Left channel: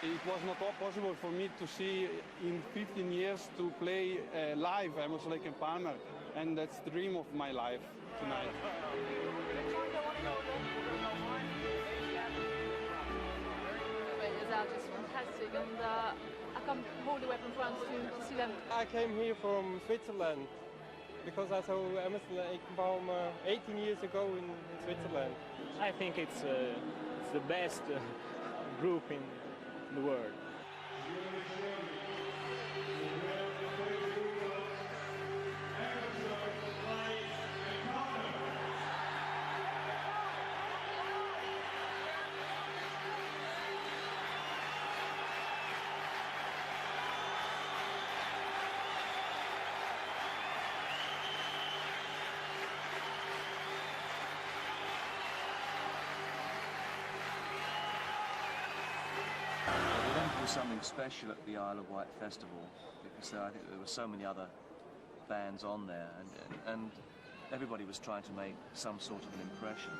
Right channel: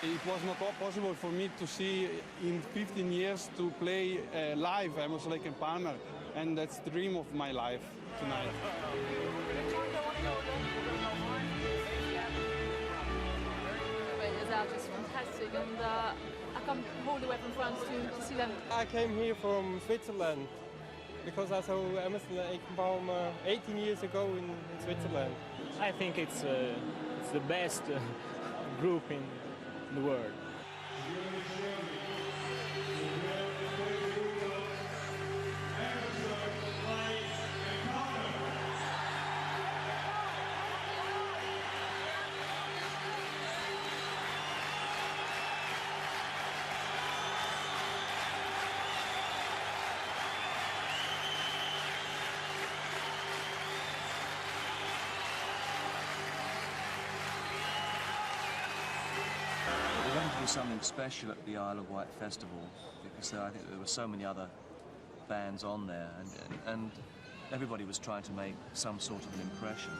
It was not possible for me to see in 15 years to play live Emerson, Lake and Palmer, and that's the dream of my life tonight. It was just fantastic, and I come all the way from France to see them. I came here from Switzerland because I saw Emerson, Lake and Palmer 18 years ago in Switzerland. I think it's the best group in the world. Something special at the Isle of Wight Festival because I think there were so many other bands on there and everybody was trying to make some sort of an impression.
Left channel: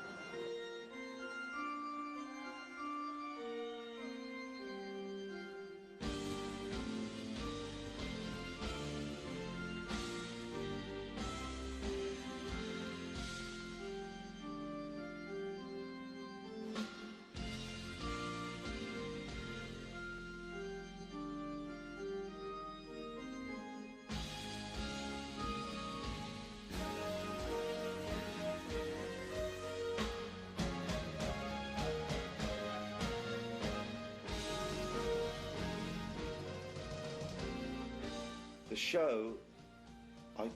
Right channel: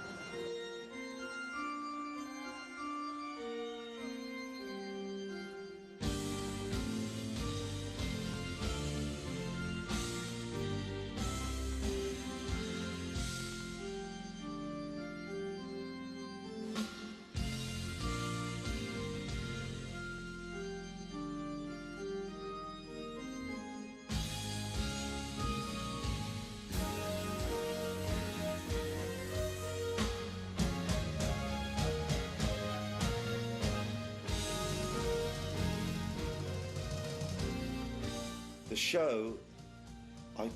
The show, I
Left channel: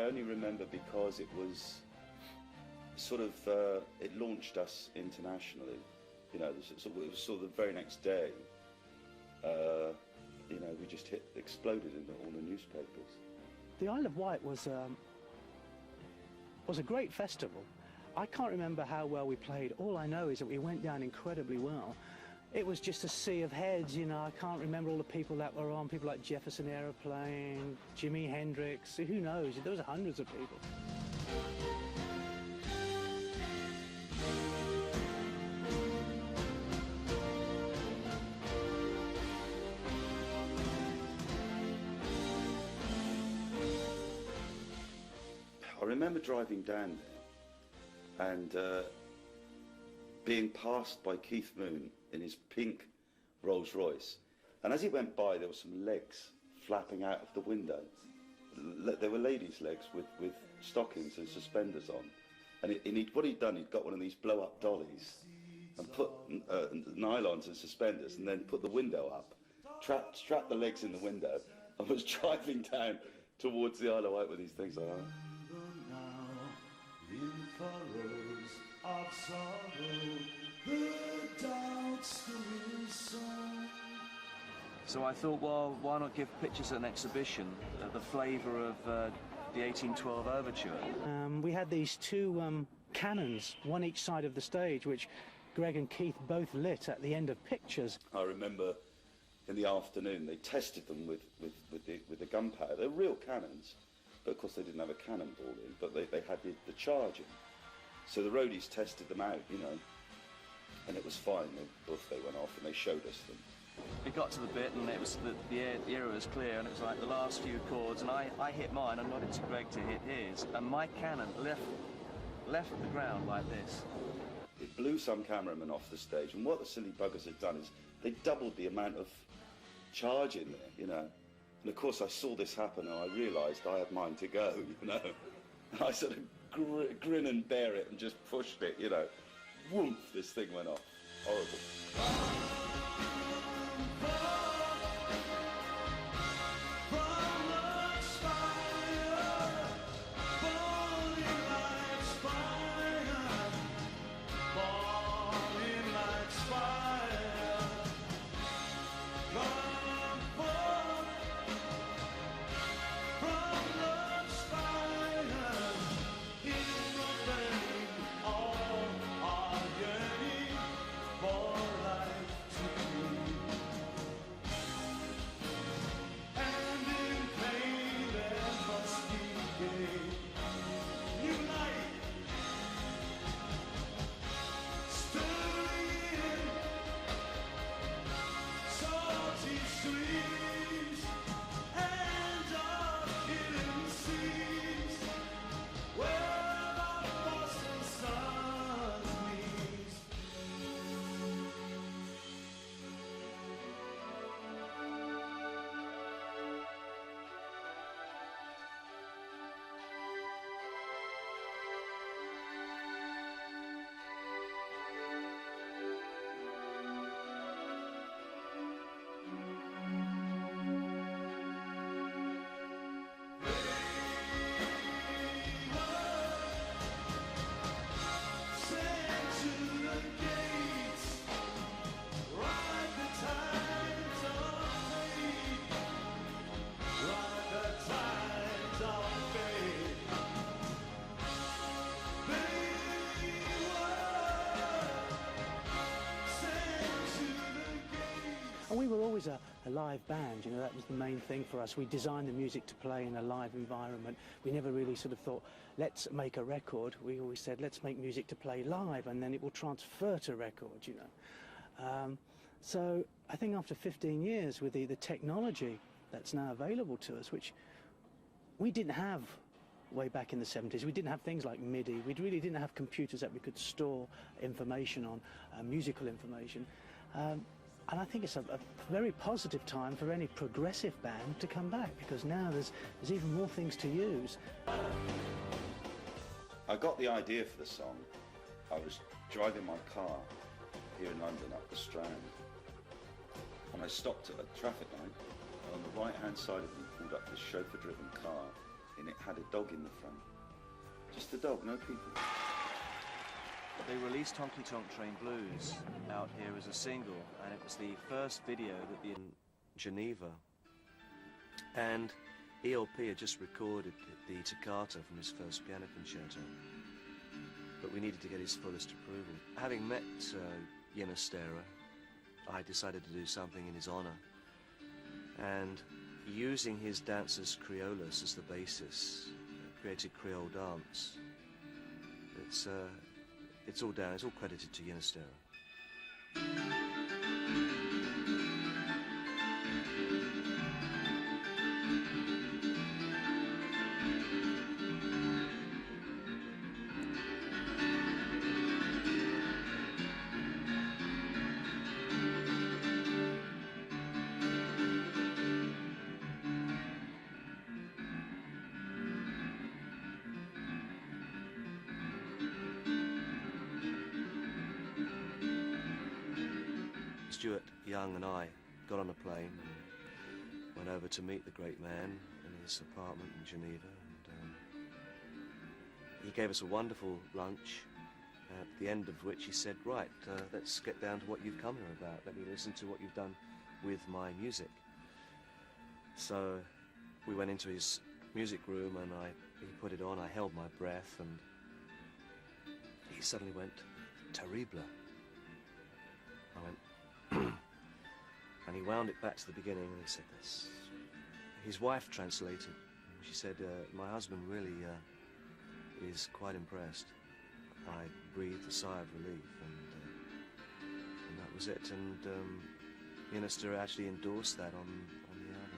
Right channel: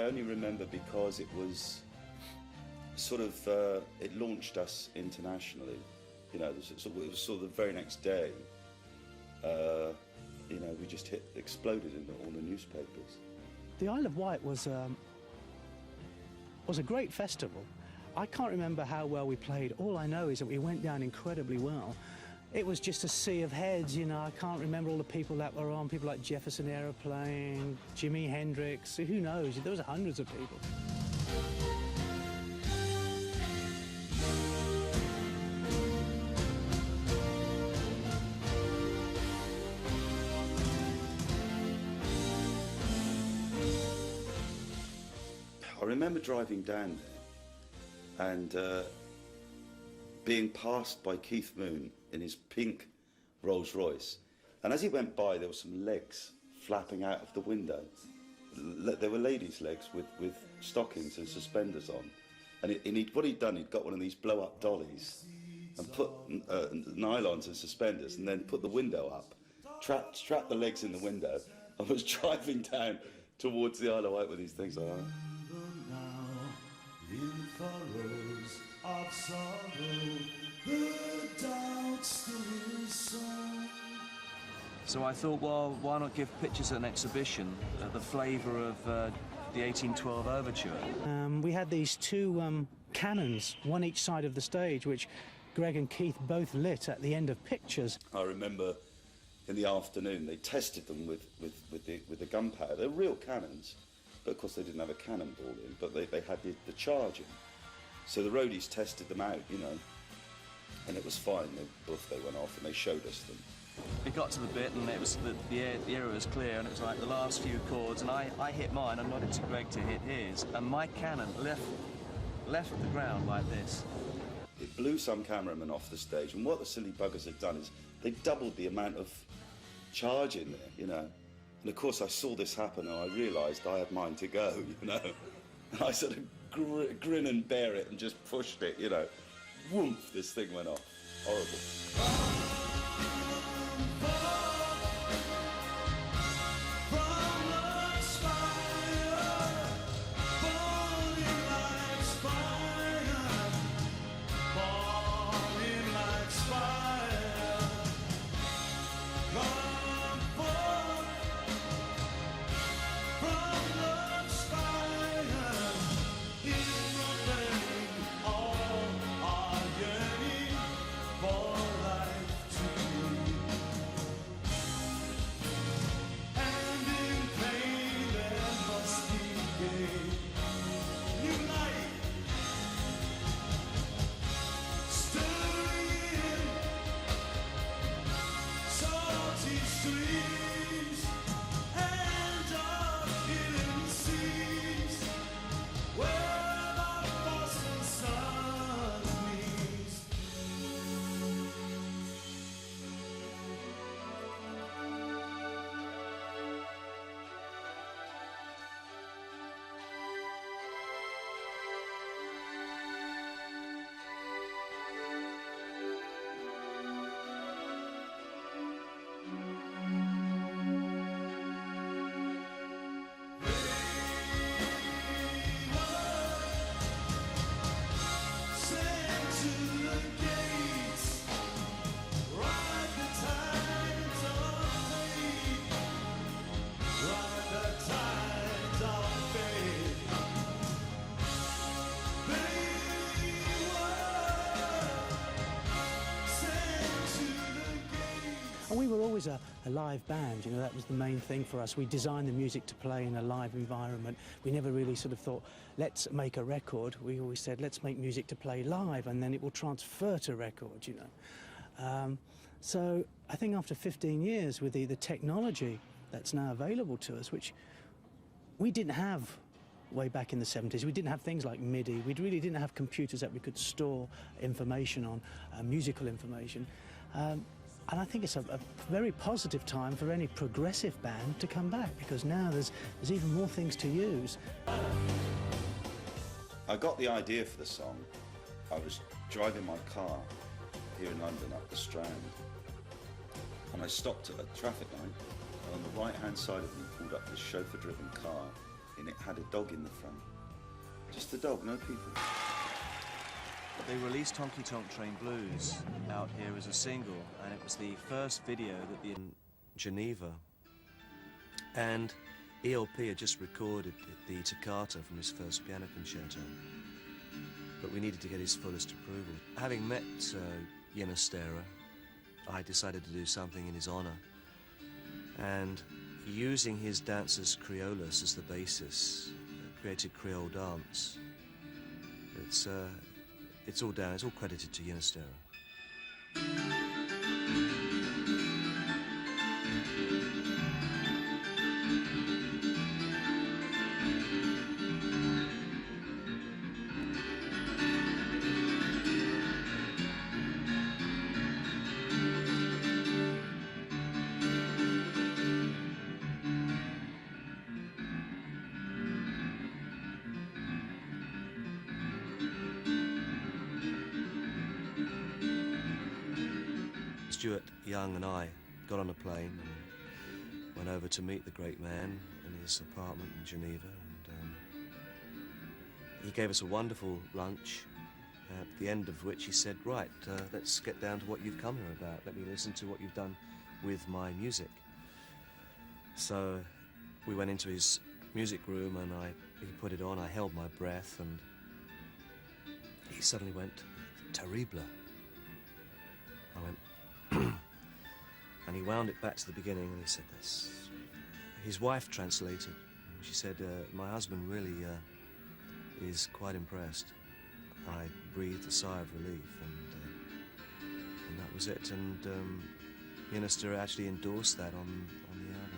only remember because it was sort of, it launched us internationally. You know, it was sort of the very next day, you know, we just exploded in all the newspapers. The Isle of Wight was a great festival. I can't remember how well we played. All I know is that we went down incredibly well. It was just a sea of heads, you know. I can't remember all the people that were on, people like Jefferson Aeroplane, Jimi Hendrix, who knows? There was hundreds of people. I remember driving down there and being passed by Kit Mun in his pink Rolls Royce, and as he went by there were some legs flapping out of the window. There were ladies' legs with stockings and suspenders on, and what he'd done, he'd got one of these blow-up dollies and put nylons and suspenders and then put the window up, strapped the legs in the window and was driving down towards the Isle of Wight with these things like that. In furrows of sorrow, the doubts the song. So I thought, well, why not give pictures at an exhibition the flavour of the 1812 overture? We had these two cannons, one each side of the stage, which Greg and Keith both lit at the end of pictures. I remember in the afternoon they tested them with the gunpowder. They're real cannons. But of course they didn't have a cannonball in, but they had the charging. So the roadies tested them out, you know, and it was fine. They went off and they showed us them. We got to the bit and it was the area was clear and it was like the last few chords and I hit mine and nodded to Greg to hit his and my cannon left the ground like this. It blew some cameramen off the stage, and what the silly buggers had done is they doubled the amount of charge in there, you know. And of course I saw this happen and I realised I had mine to go, you know. And I sort of grin and bear it and just pushed it, you know. Woomph, this thing went off. Horrible. For life to always a live band, you know, that was the main thing for us. We designed the music to play in a live environment. We never really sort of thought, let's make a record. We always said, let's make music to play live, and then it will transfer to record, you know. So I think after 15 years with the technology that's now available to us, which we didn't have way back in the 70s. We didn't have things like MIDI. We really didn't have computers that we could store information on, musical information. And I think it's a very positive time for any progressive band to come back, because now there's even more things to use. I got the idea for the song. I was driving my car here in London up the Strand, and I stopped at a traffic light, and on the right-hand side of me pulled up this chauffeur-driven car, and it had a dog in the front. Just a dog, no people. They released Honky Tonk Train Blues out here as a single, and it was the first video that in Geneva. And ELP had just recorded the toccata from his first piano concerto, but we needed to get his fullest approval. Having met Ginastera, I decided to do something in his honor, and using his dancers Creoles as the basis, created Creole Dance. It's all down, it's all credited to Ginastera. Stuart Young and I got on a plane and went over to meet the great man in his apartment in Geneva, and he gave us a wonderful lunch, at the end of which he said, right, let's get down to what you've come here about. Let me listen to what you've done with my music. So we went into his music room and he put it on. I held my breath, and he suddenly went, terrible. I went, and he wound it back to the beginning, and he said this. His wife translated. She said, my husband really is quite impressed. I breathed a sigh of relief, and that was it. And Ginastera actually endorsed that on the album.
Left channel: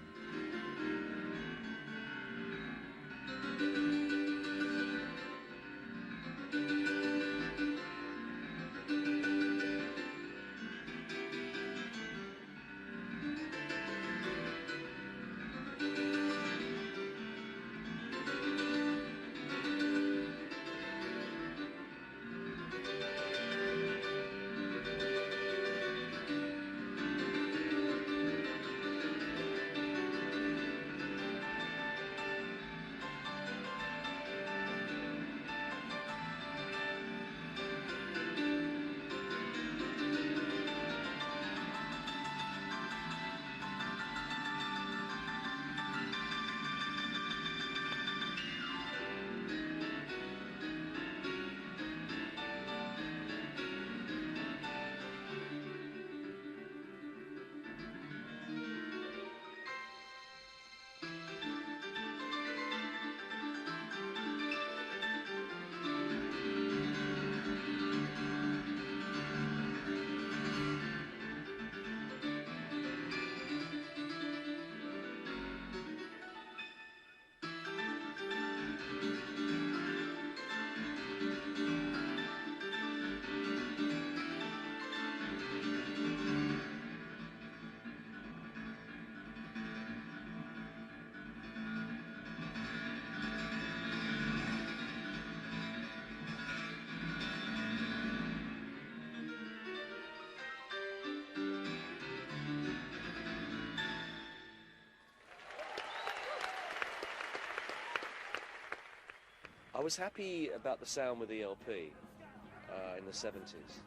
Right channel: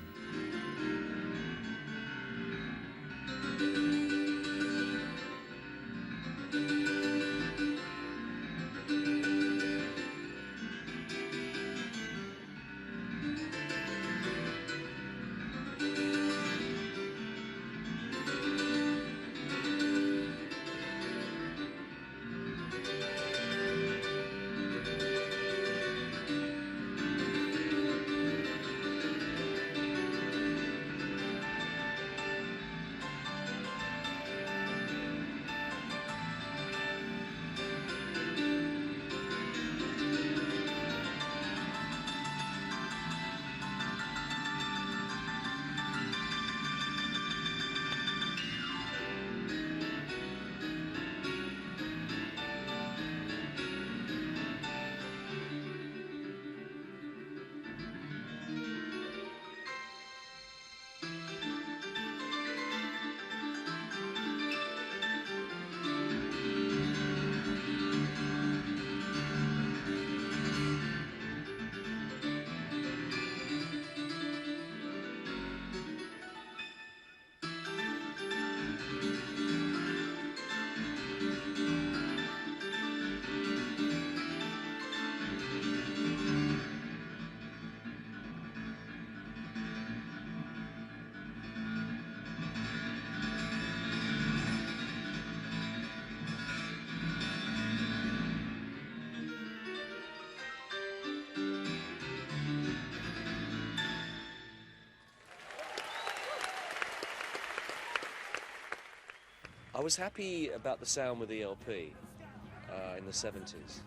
I was happy about the sound with ELP in the 70s.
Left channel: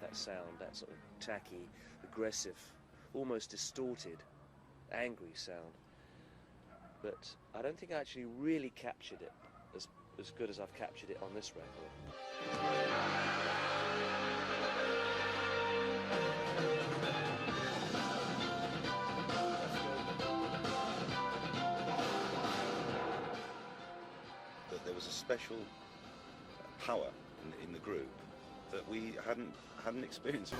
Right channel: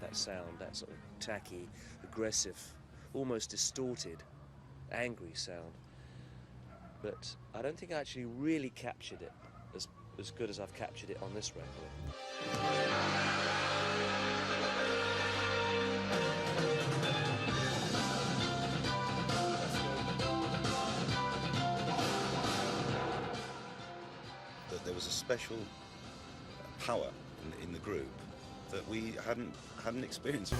That sound, that sort of tacky, aggressive, almost distorted, angry sound. But I don't think I actually really captured it as good as I've captured it on this record. was a special power in the group that we hadn't experienced.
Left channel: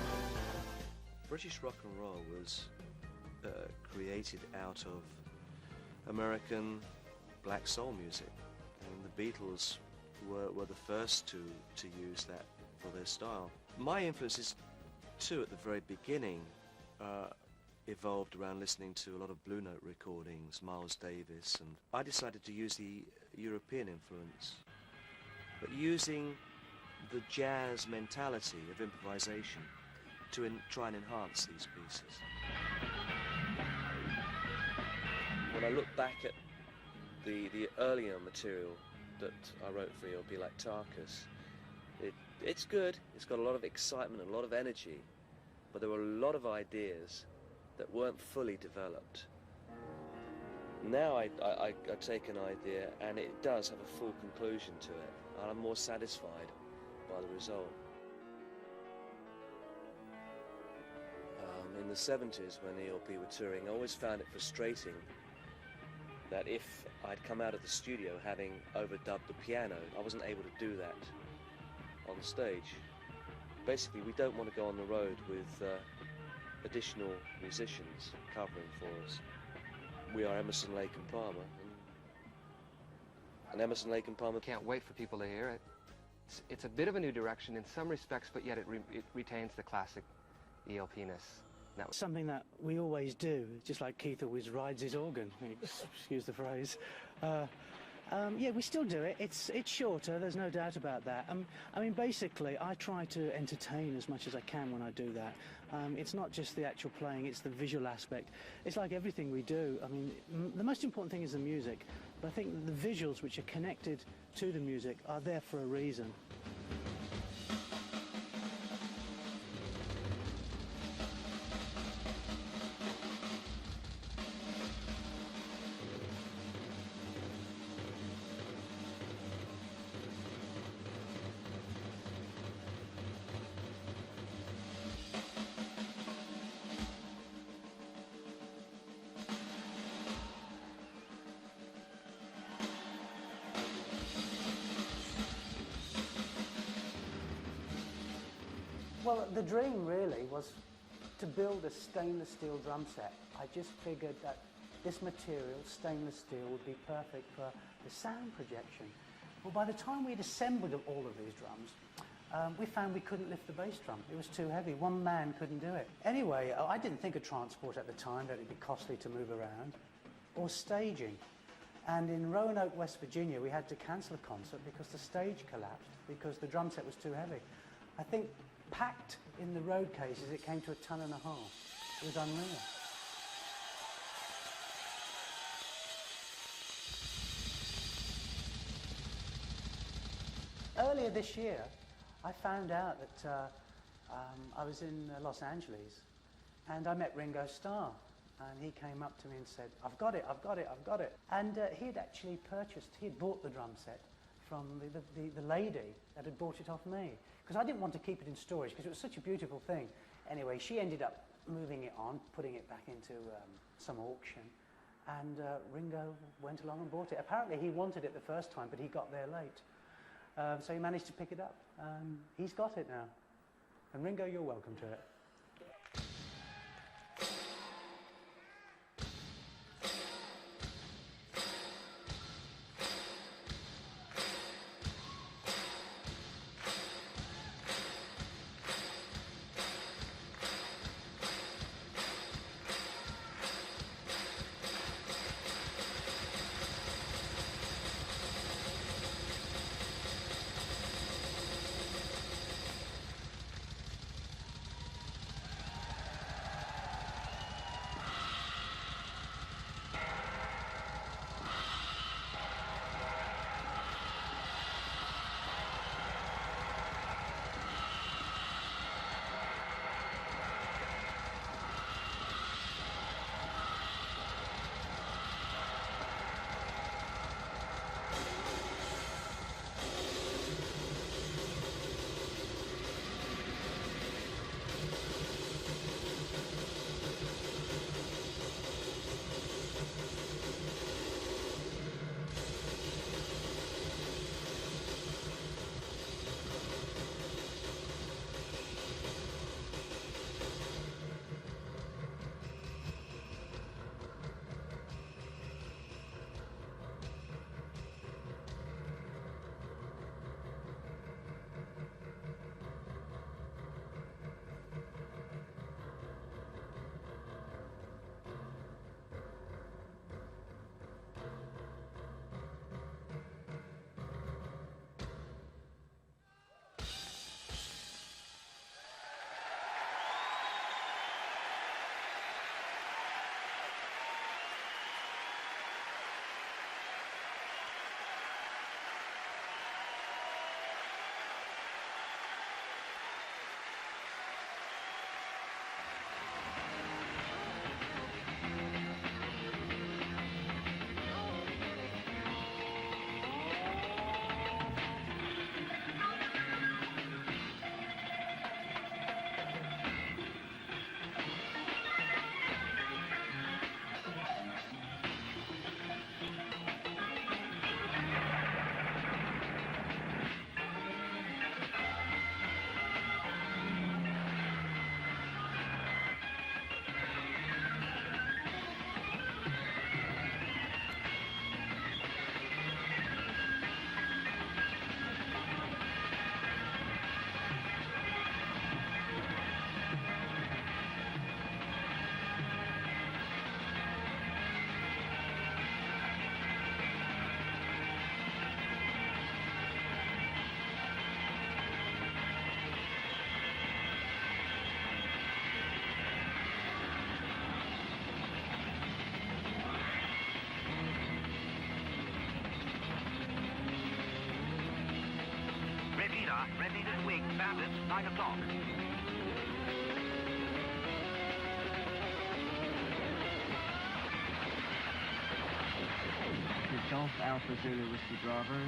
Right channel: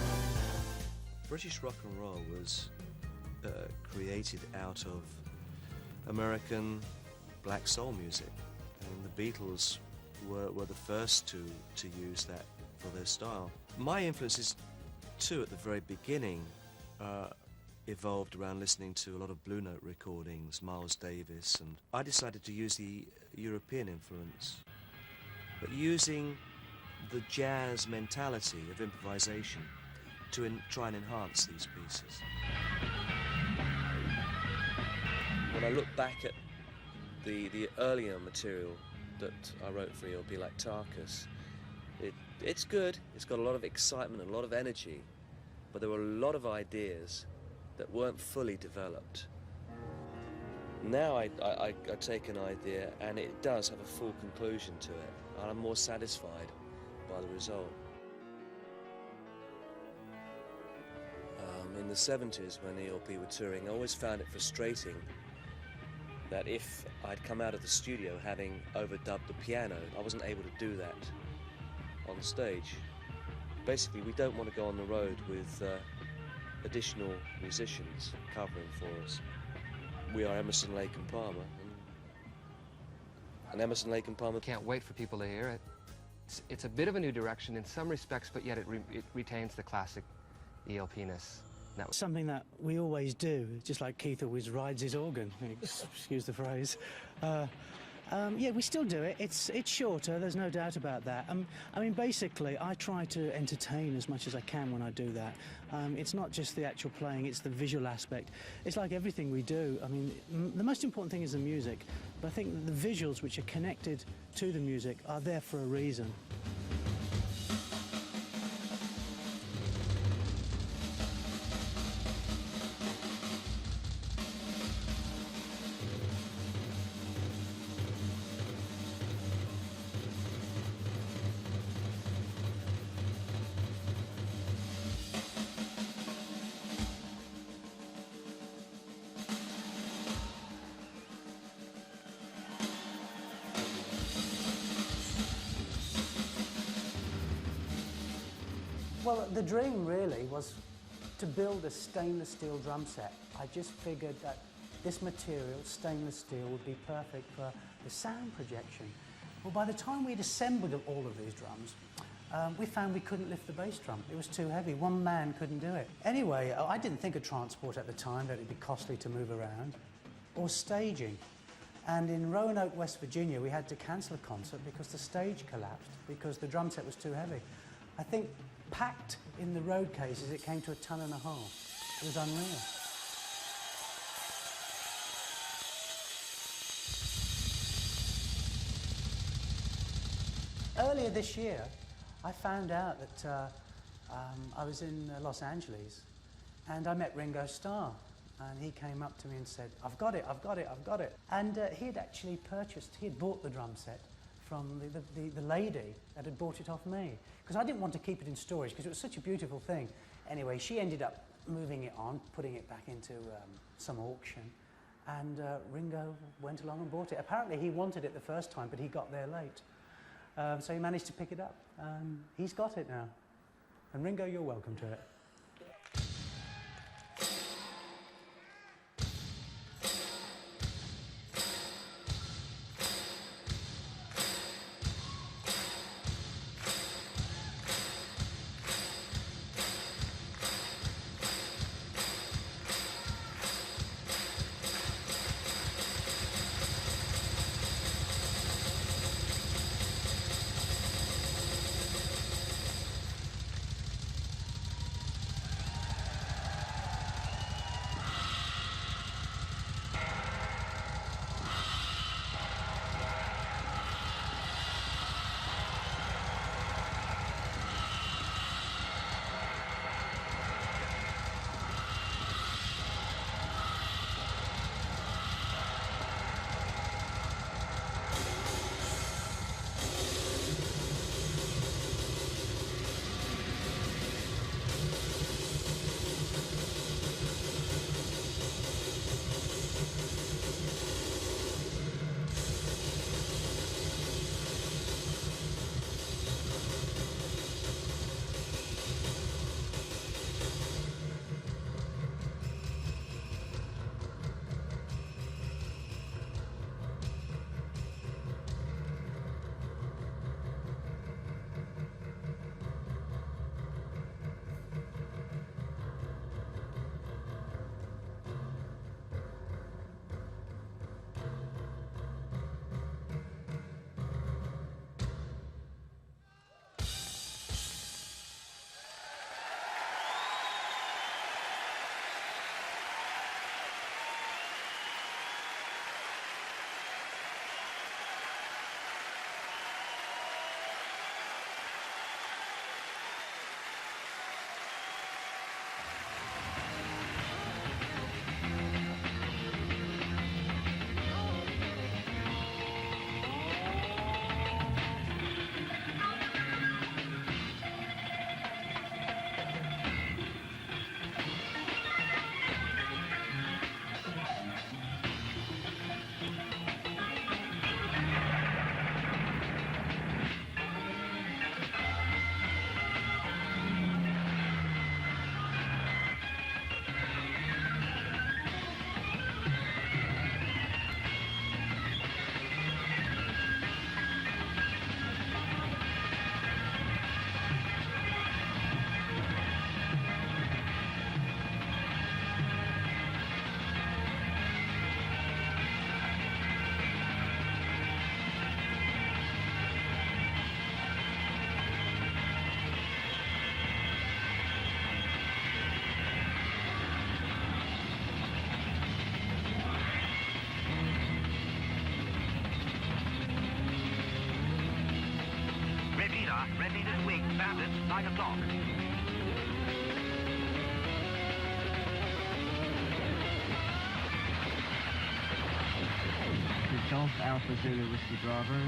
British rock and roll was created out of American black soul music, and the Beatles were the first to use that for their style. My influences too at the very beginning evolved around listening to a lot of Blue Note recordings, Miles Davis, and I decided to use the European influence, but using the jazz mentality of improvisation to try and enhance these pieces. When I look back at the earlier material that I wrote for ELP, like Tarkus, it's good, it's got a lot of excitement and a lot of energy, but there were a lot of ideas that weren't fully developed. Now I take an idea and it does have a full conclusion to it, and I'm more satisfied by the result. In the 70s, when ELP were touring, I always found it frustrating that if I'd come out of the studio having overdubbed the piano, I wasn't able to do that on stage. Basically, we don't want to go on the road with additional musicians covering for us. We are Emerson, Lake and Palmer, and Emerson, Lake and Palmer Can't wait for people to hear it. It's a bit of a new direction in some respects, but yet it retains the classic ELP-ness. Something that we always do, just like Keith always rides his organ, excuse the phrase. Yeah, we still do it. It's shorter, there's no doubt about that. I mean, basically, I try to entertain as much as I can when I do that. It's not just the actual playing, it's the visual aspect. It's like everything we do. I mean, the most important thing is the music, but I think the visuals which are connected to the music are there for a reason. Well, the dream really was to build a stainless steel drum set. I just figured that this material, stainless steel, would be perfect for the sound projection. Well, by the time we'd assembled all of these drums, we found we couldn't lift the bass drum. It was too heavy. One man couldn't do it. Anyway, I didn't think of transport at the time, that it'd be costly to move around, or staging. And in Roanoke, West Virginia, we had to cancel a concert because the stage collapsed, because the drum set was too heavy. I think packed in the road cases, it came to 1.5 tons. It was unreal. Earlier this year, I found out that I was in Los Angeles, and I met Ringo Starr, and he came up to me and said, I've got it, I've got it, I've got it. And he had actually he had bought the drum set from the lady that had bought it off me, because I didn't want to keep it in storage because it was such a beautiful thing. Anyway, she ended up moving it on, putting it back into some auction, and Ringo went along and bought it. Apparently he wanted it the first time, but he got there late. So he managed to pick it up. He's got it now. And Ringo, you're welcome to it. 9 o'clock. Golf Alpha Zulu Whiskey Bravo.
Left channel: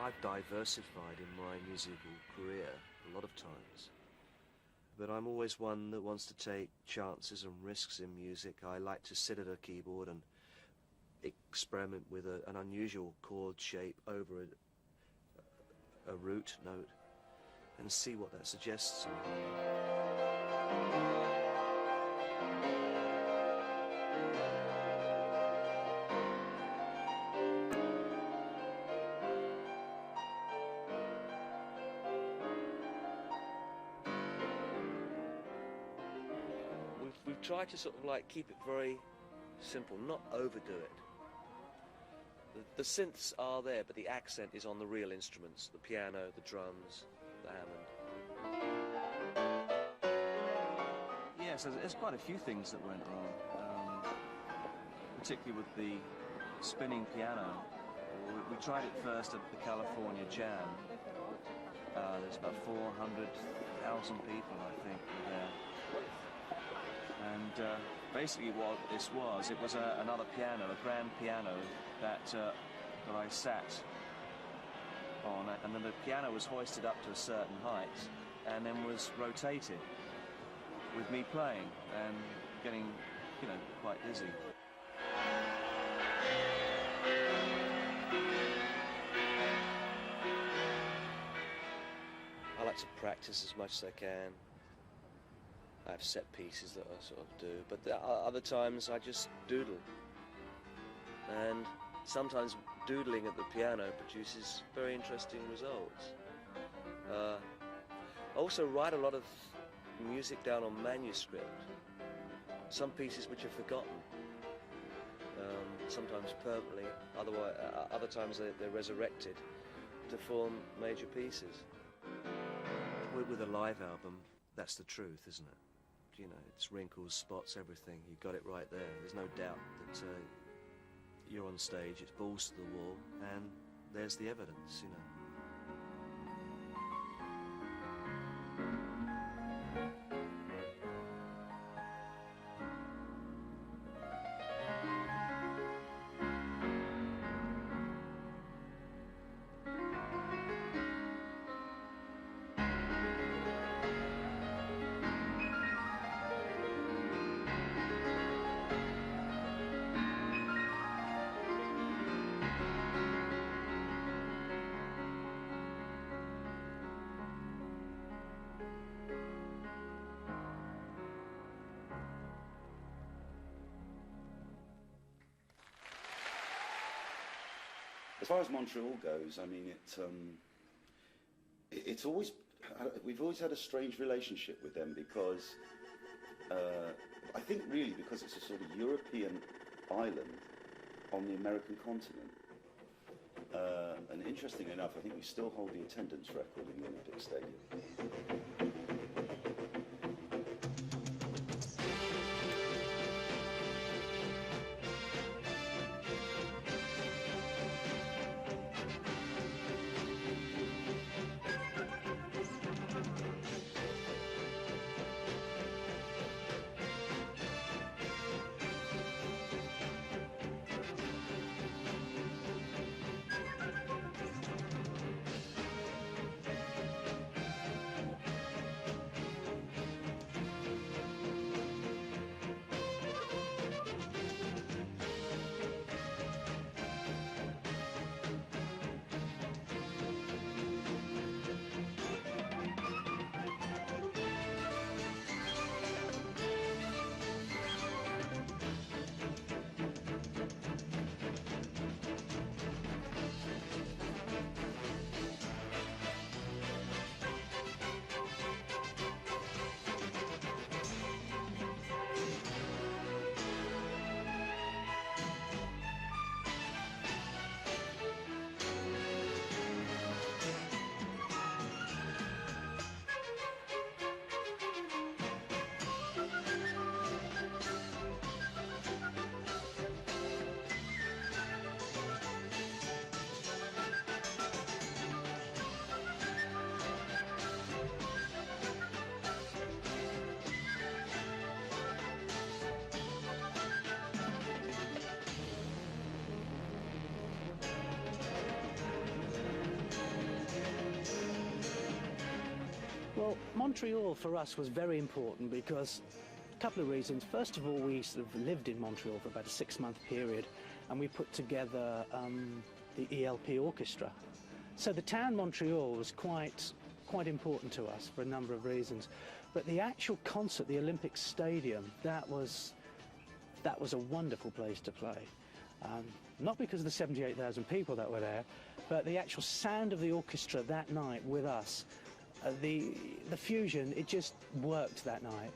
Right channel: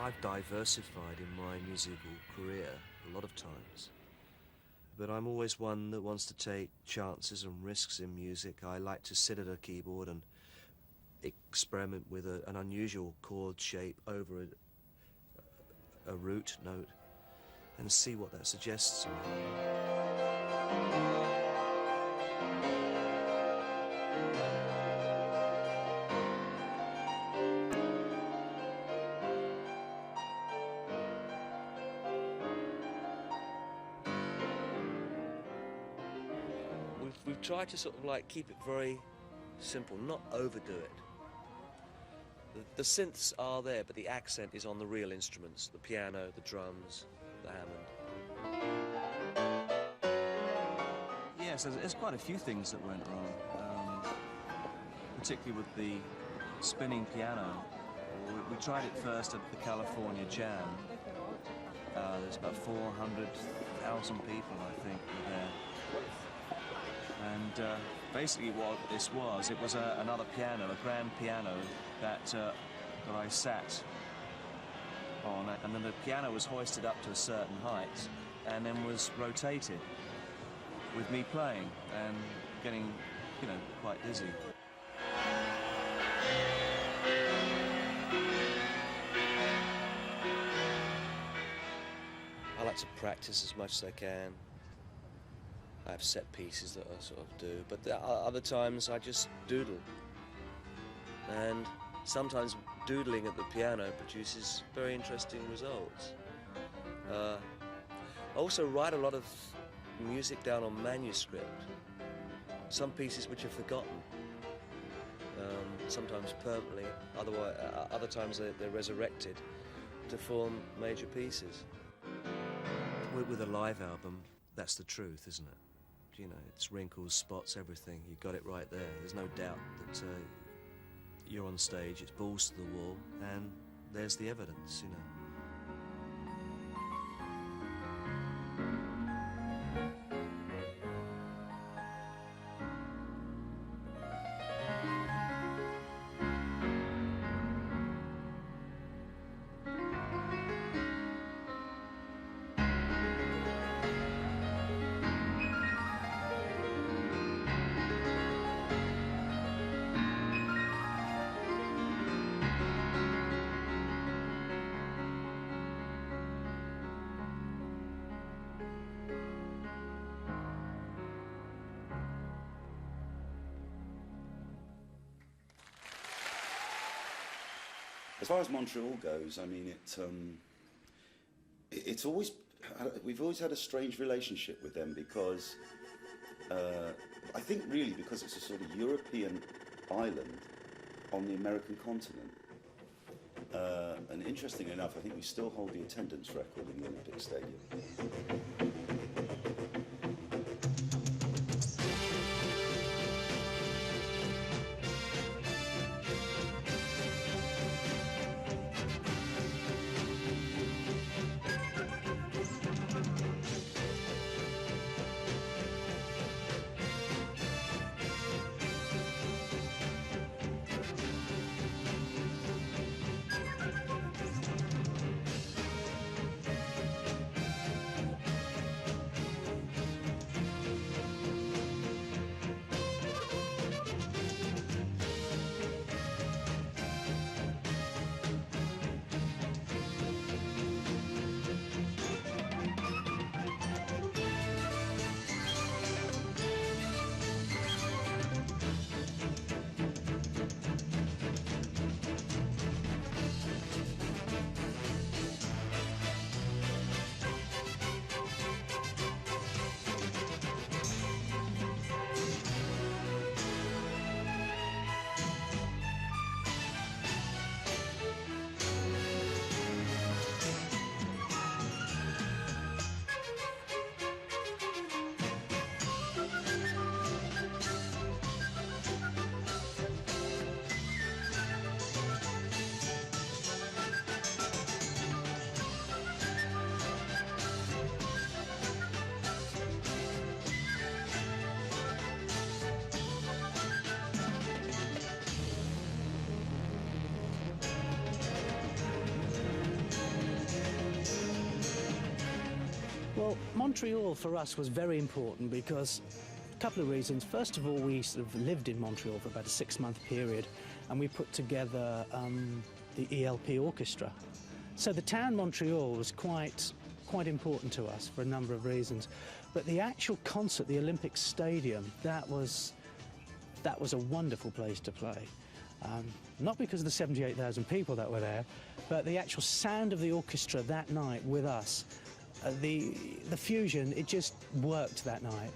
I've diversified in my musical career a lot of times, but I'm always one that wants to take chances and risks in music. I like to sit at a keyboard and experiment with an unusual chord shape over a root note and see what that suggests to me. We've tried to sort of like keep it very simple, not overdo it. The synths are there, but the accent is on the real instruments, the piano, the drums, the Hammond. Yes, there's quite a few things that went wrong, particularly with the spinning piano. We tried it first at the California Jam. There's about 400,000 people, I think, were there. And basically what this was, it was another piano, a grand piano that I sat on, and then the piano was hoisted up to a certain height and then was rotated with me playing and getting, you know, quite dizzy. I like to practice as much as I can. I have set pieces that I sort of do, but there are other times I just doodle. And sometimes doodling at the piano produces very interesting results. I also write a lot of music down on manuscript. Some pieces which are forgotten, sometimes permanently, other times they're resurrected to form major pieces. With a live album, that's the truth, isn't it? You know, it's wrinkles, spots, everything. You got it right there. There's no doubt that you're on stage, it's balls to the wall, and there's the evidence, you know. As far as Montreal goes, I mean, it's always, we've always had a strange relationship with them because, I think really because it's a sort of European island on the American continent. And interestingly enough, I think we still hold the attendance record in the Olympic Stadium. Well, Montreal for us was very important because a couple of reasons. First of all, we sort of lived in Montreal for about a 6-month period, and we put together the ELP orchestra. So the town Montreal was quite important to us for a number of reasons. But the actual concert, the Olympic Stadium, that was a wonderful place to play. Not because of the 78,000 people that were there, but the actual sound of the orchestra that night with us, the fusion, it just worked that night.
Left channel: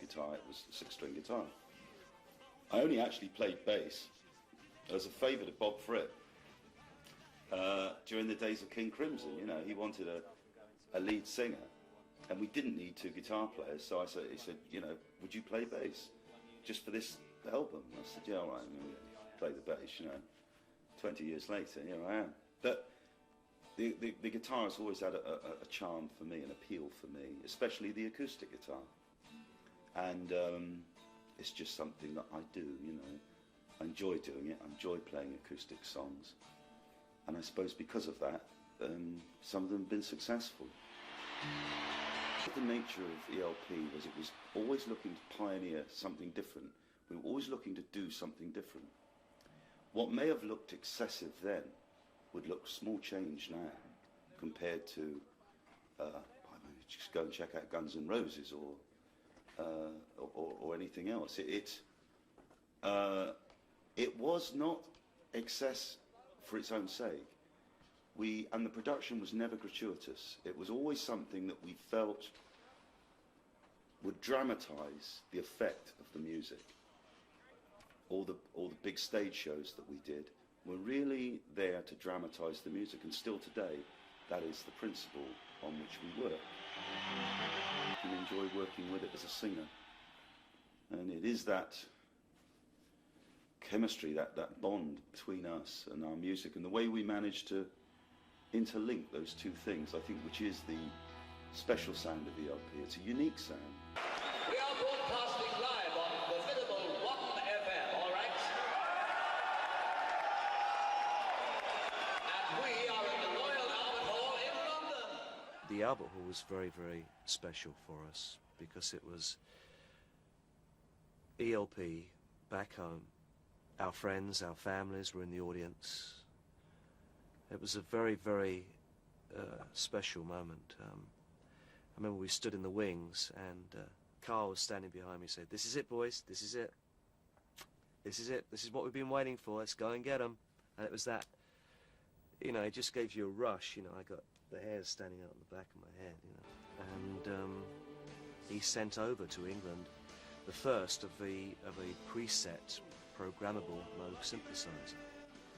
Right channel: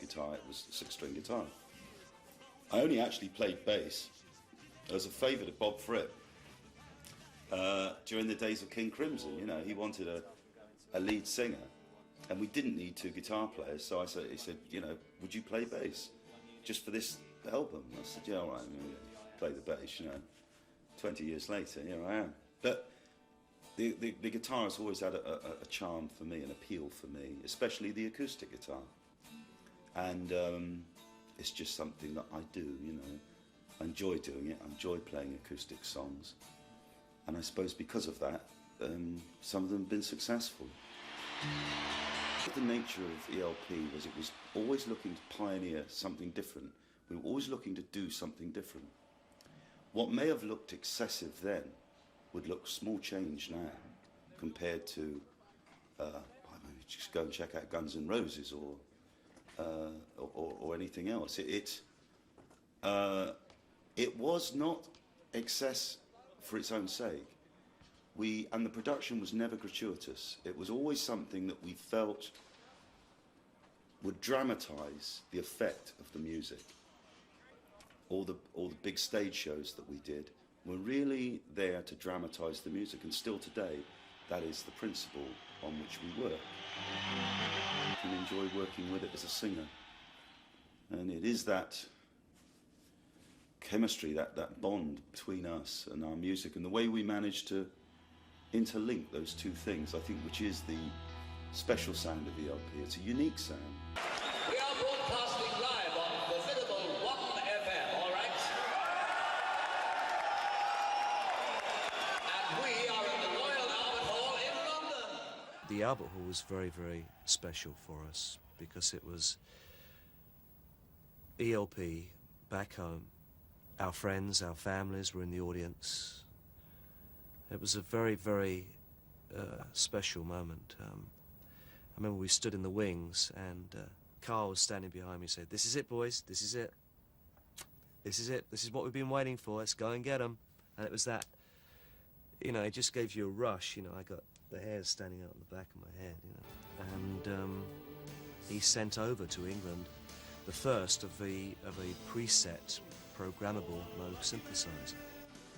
Guitar, it was a 6-string guitar. I only actually played bass as a favour to Bob Fripp during the days of King Crimson. You know, he wanted a lead singer, and we didn't need 2 guitar players, so he said, you know, would you play bass just for this album? I said, yeah, all right, I'm going to play the bass, you know. 20 years later, here I am. But the guitar has always had a charm for me, an appeal for me, especially the acoustic guitar. And it's just something that I do, you know. I enjoy doing it, I enjoy playing acoustic songs. And I suppose because of that, some of them have been successful. The nature of ELP was it was always looking to pioneer something different. We were always looking to do something different. What may have looked excessive then would look small change now compared to, I mean, just go and check out Guns N' Roses or anything else. It was not excess for its own sake. And the production was never gratuitous. It was always something that we felt would dramatise the effect of the music. All the big stage shows that we did were really there to dramatise the music, and still today, that is the principle on which we work. You can enjoy working with it as a singer. And it is that chemistry, that bond between us and our music, and the way we manage to interlink those two things, I think, which is the special sound of ELP. It's a unique sound. We are broadcasting live on formidable 1FM, all right? And we are in the Royal Albert Hall in London. The Albert Hall was very, very special for us because it was ELP back home. Our friends, our families were in the audience. It was a very, very special moment. I remember we stood in the wings and Carl was standing behind me and said, "This is it, boys, this is it. This is it, this is what we've been waiting for, let's go and get them." And it was that, you know, it just gave you a rush, you know. I got the hairs standing out on the back of my head, you know. And he sent over to England the first of a preset programmable Moog synthesizer.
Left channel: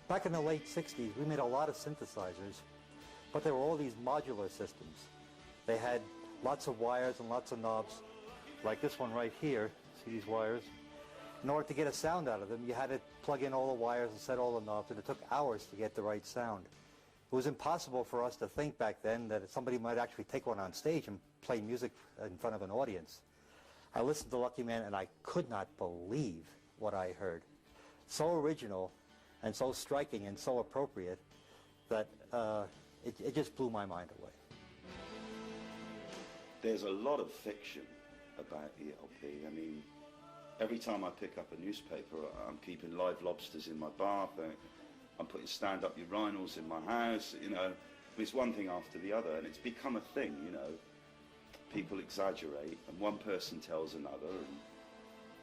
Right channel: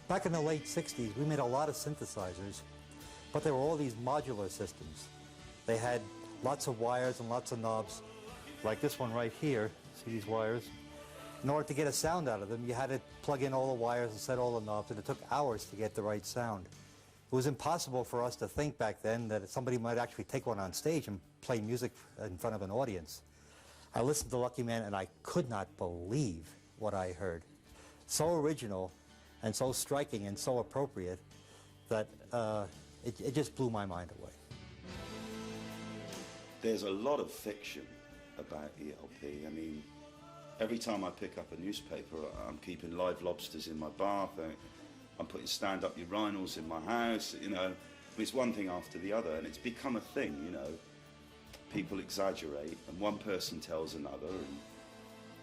Back in the late 60s, we made a lot of synthesizers, but they were all these modular systems. They had lots of wires and lots of knobs, like this one right here. See these wires? In order to get a sound out of them, you had to plug in all the wires and set all the knobs, and it took hours to get the right sound. It was impossible for us to think back then that somebody might actually take one on stage and play music in front of an audience. I listened to Lucky Man, and I could not believe what I heard. So original, and so striking and so appropriate that it just blew my mind away. There's a lot of fiction about ELP. I mean, every time I pick up a newspaper, I'm keeping live lobsters in my bath, I'm putting stand-up urinals in my house, you know. It's one thing after the other, and it's become a thing, you know. People exaggerate, and one person tells another,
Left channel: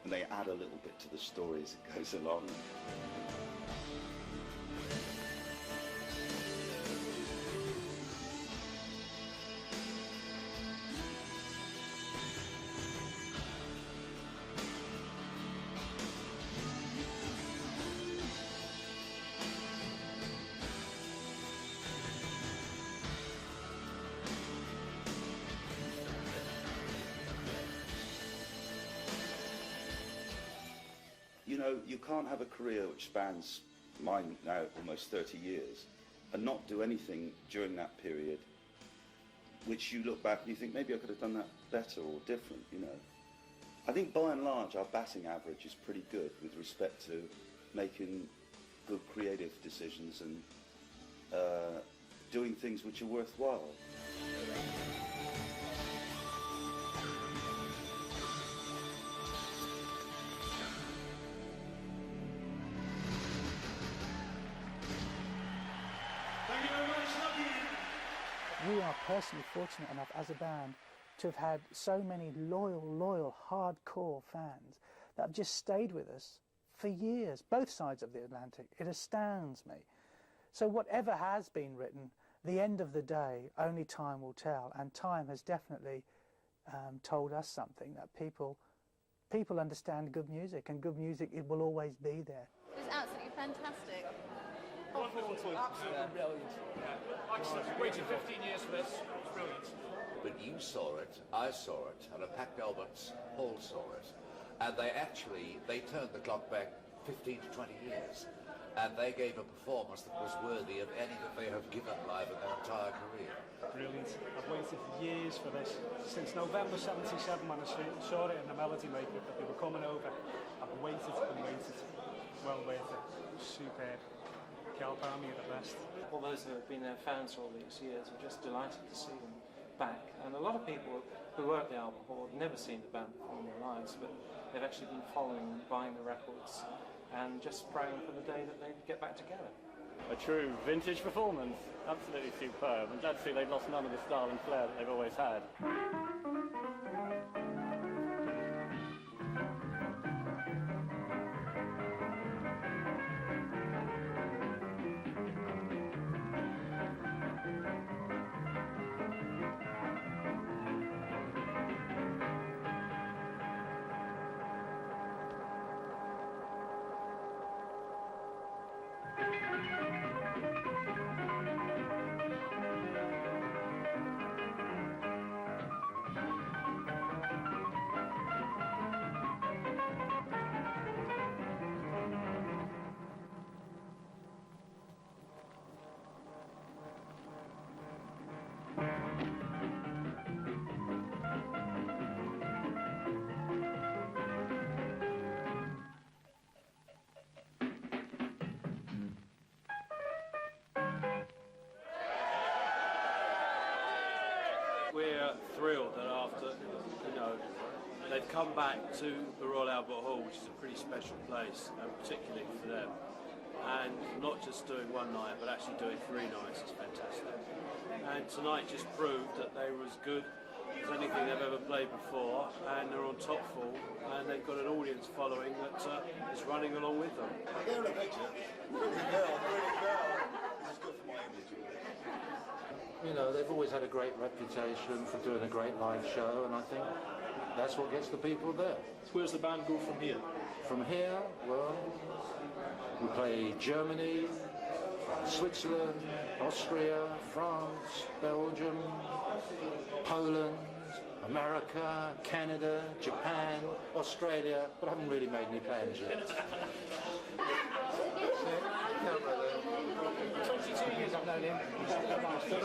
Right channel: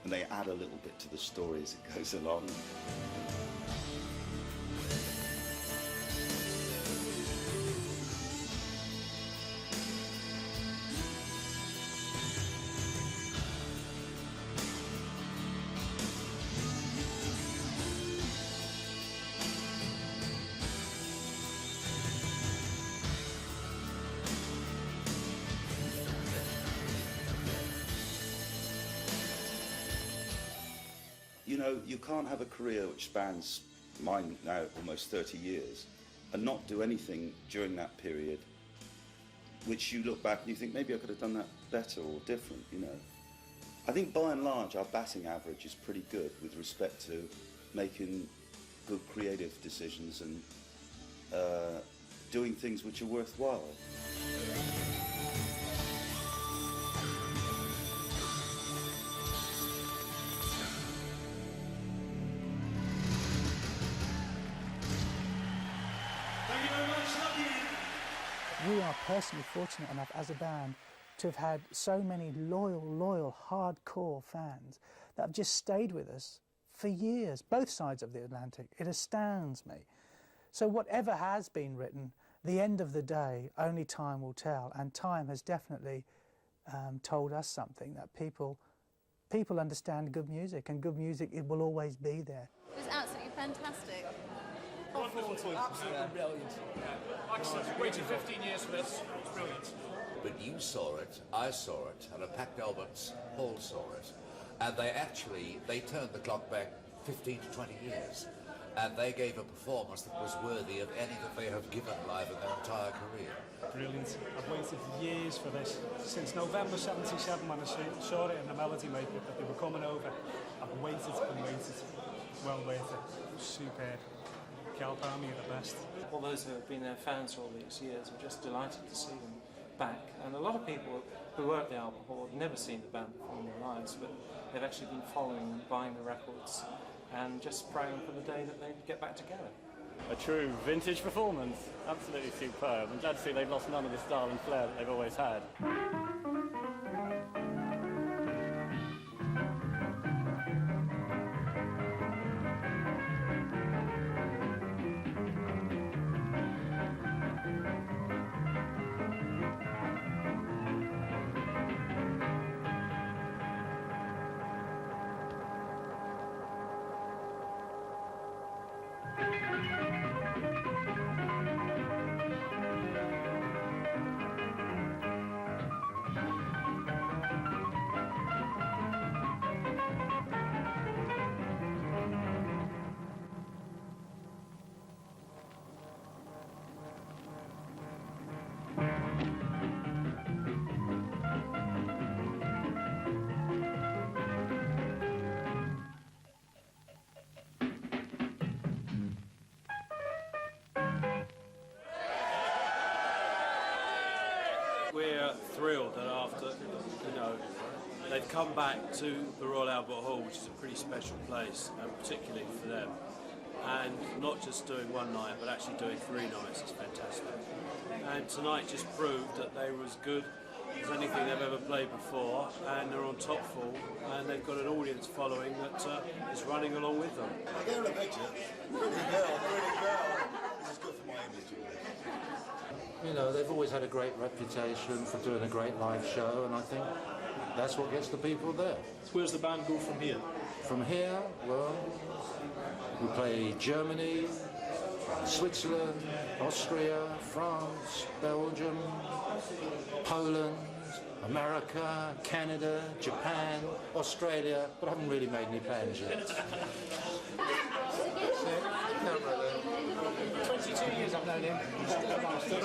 and they add a little bit to the story as it goes along. You know, you can't have a career which spans mine now almost 30 years and not do anything during that period which you look back and you think, maybe I could have done that better or different, you know. I think by and large our batting average is pretty good with respect to making good creative decisions and doing things which are worthwhile. We are personally fortunate enough as a band to have had so many loyal, hardcore fans that have just stayed with us for years, both sides of the Atlantic. It astounds me. So whatever has been written, the end of the day, only time will tell, and time has definitely told us something, that people understand good music, and good music, it will always be there. It was absolutely fantastic. Wonderful, absolutely brilliant. Like I said, we waited 15 years for this. It's brilliant. But you saw it, I saw it, and a packed Albert's Hall saw it. And they turned the clock back 15 to 20 years. And they gave a performance that was worthy of any that they have given live in their entire career. Brilliant. I've waited years for this. Since November 77 when I saw it in the Melody Maker that they were coming over. I've waited and waited. Well worth it. Superb. Cal Palmy are the best. All those who have been their fans for all these years are just delighted to see them back. And a lot of people who were at the Albert Hall have never seen the band perform in their lives, but they've actually been following and buying the records and just praying for the day that they get back together. A true vintage performance, absolutely superb. I'm glad to see they've lost none of the style and flair that they've always had. We're thrilled that after, they've come back to the Royal Albert Hall, which is a pretty special place, and particularly for them. And not just doing one night, but actually doing 3 nights is fantastic. And tonight just proved that they were as good as anything they've ever played before, and they're on top form, and they've got an audience following that is running along with them. I get a picture. Pretty girl. This is good for my image. You know, they've always had a great reputation for doing a great live show, and I think that's what gets the people there. Where's the band go from here? From here, well, we play Germany, Switzerland, Austria, France, Belgium, Poland, America, Canada, Japan, Australia, but I haven't really made any plans yet. 22 years I've known him. He's still a master.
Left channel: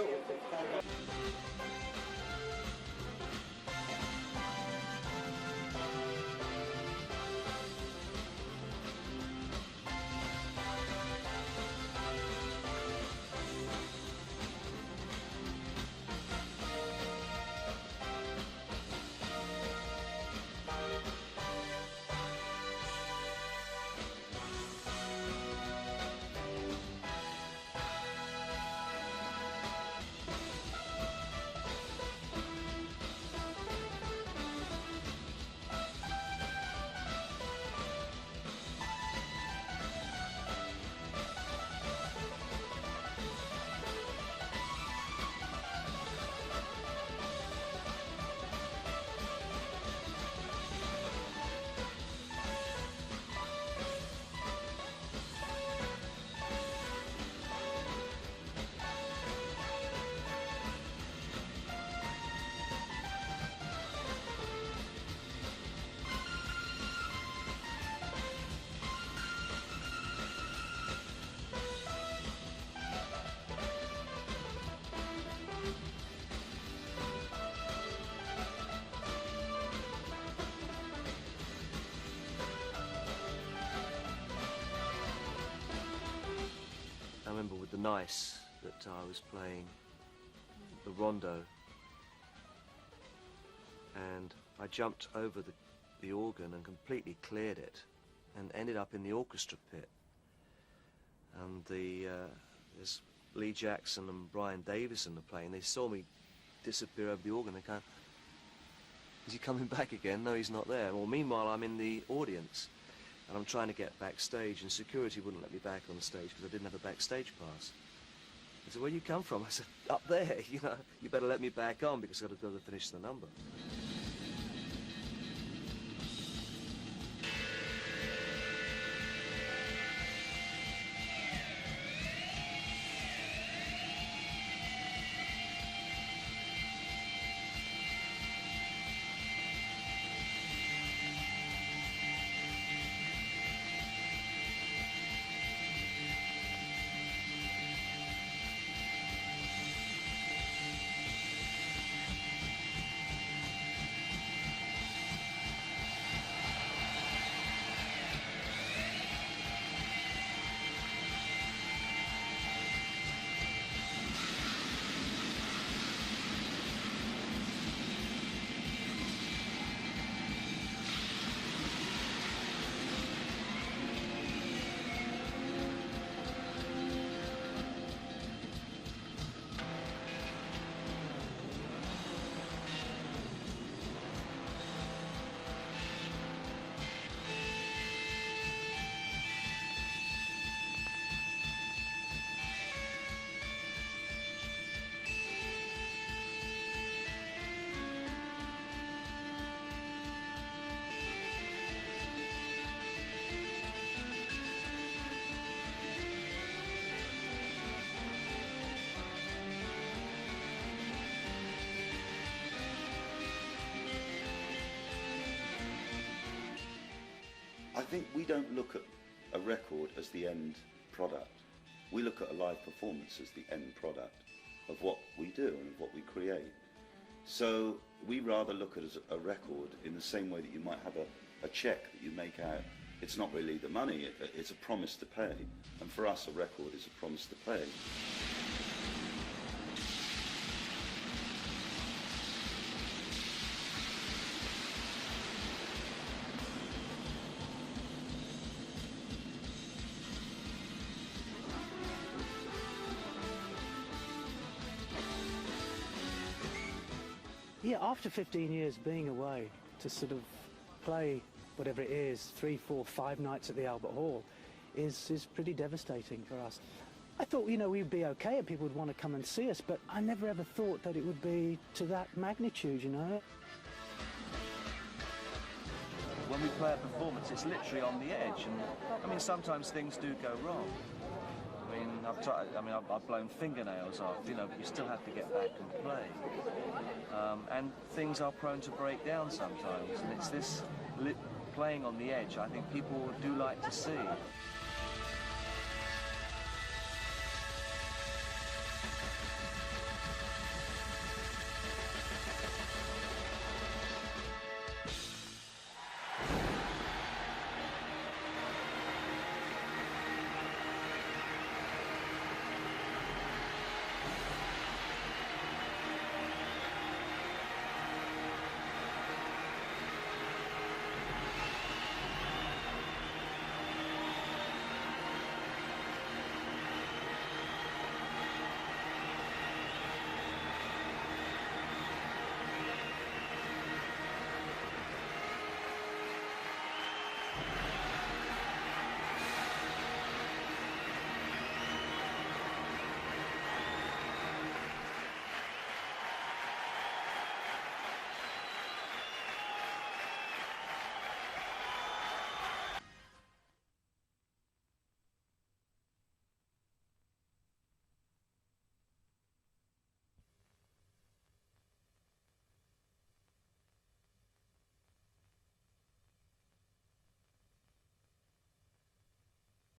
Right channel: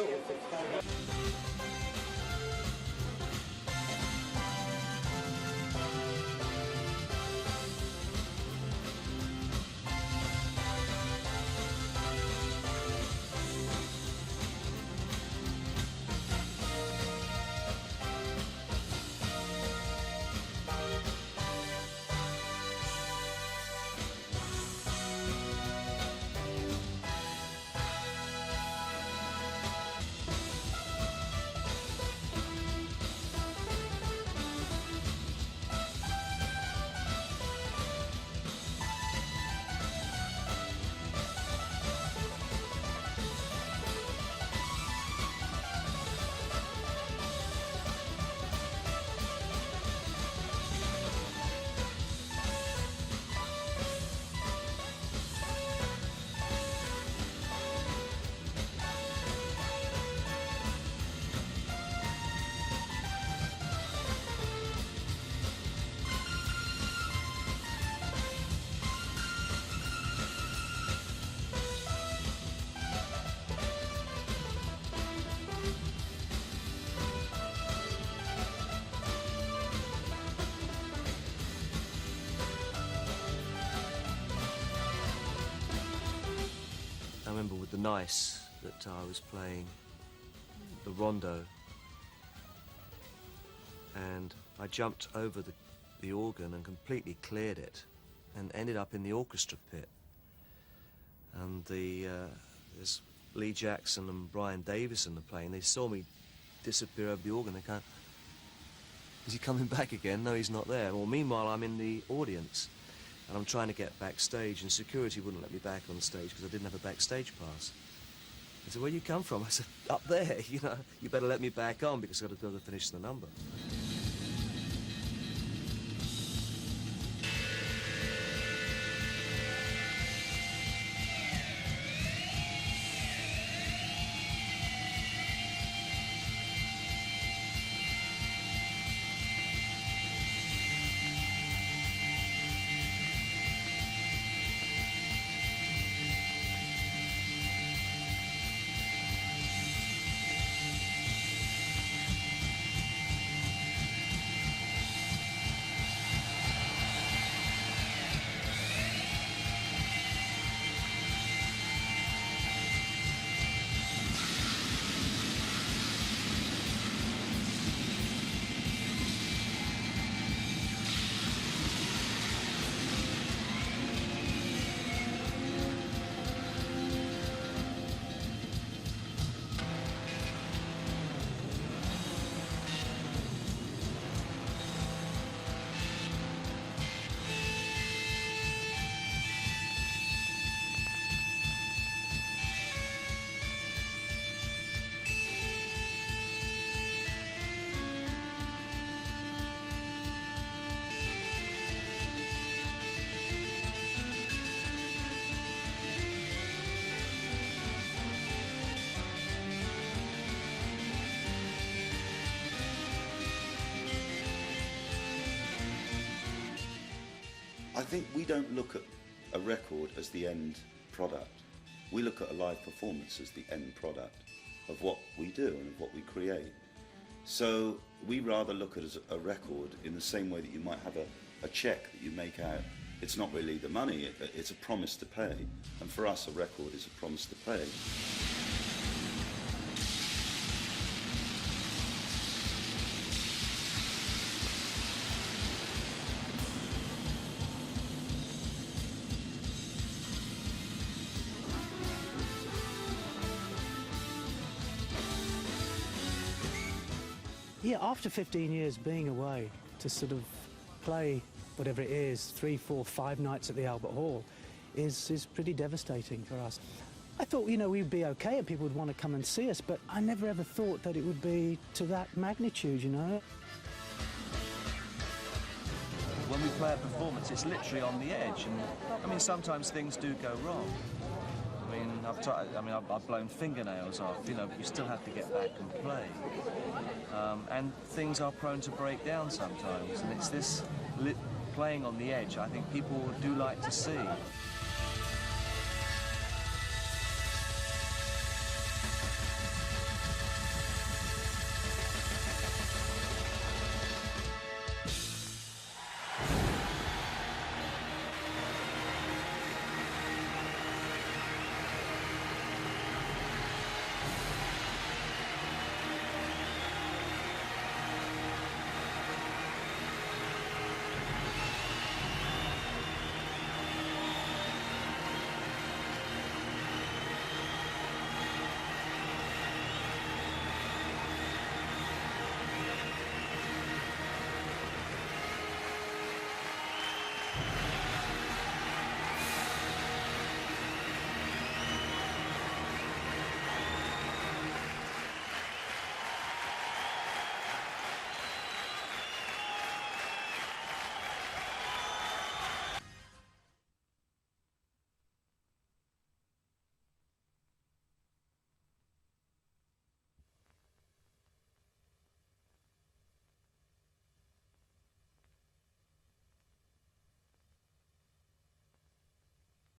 I remember with the Nice that I was playing the rondo, and I jumped over the organ and completely cleared it and ended up in the orchestra pit. And there's Lee Jackson and Brian Davison are playing, they saw me disappear over the organ. They can't. Is he coming back again? No, he's not there. Well, meanwhile, I'm in the audience, and I'm trying to get backstage, and security wouldn't let me back on stage because I didn't have a backstage pass. He said, "Where you come from?" I said, "Up there, you know, you better let me back on because I've got to go to finish the number." I think we don't look at a record as the end product. We look at a live performance as the end product of what we do and of what we create. So we rather look at it as a record in the same way that you might have a check that you make out. It's not really the money, it's a promise to pay. And for us, a record is a promise to pay. Yeah, after 15 years being away, to sort of play whatever it is, 3, 4, 5 nights at the Albert Hall is pretty devastating for us. I thought, you know, we'd be okay and people would want to come and see us, but I never ever thought that it would be to that magnitude, you know. When we play a performance, it's literally on the edge, and I mean, sometimes things do go wrong. I've blown fingernails off, you know, but you still have to get back and play. And things are prone to break down sometimes, and it's this playing on the edge I think people do like to see.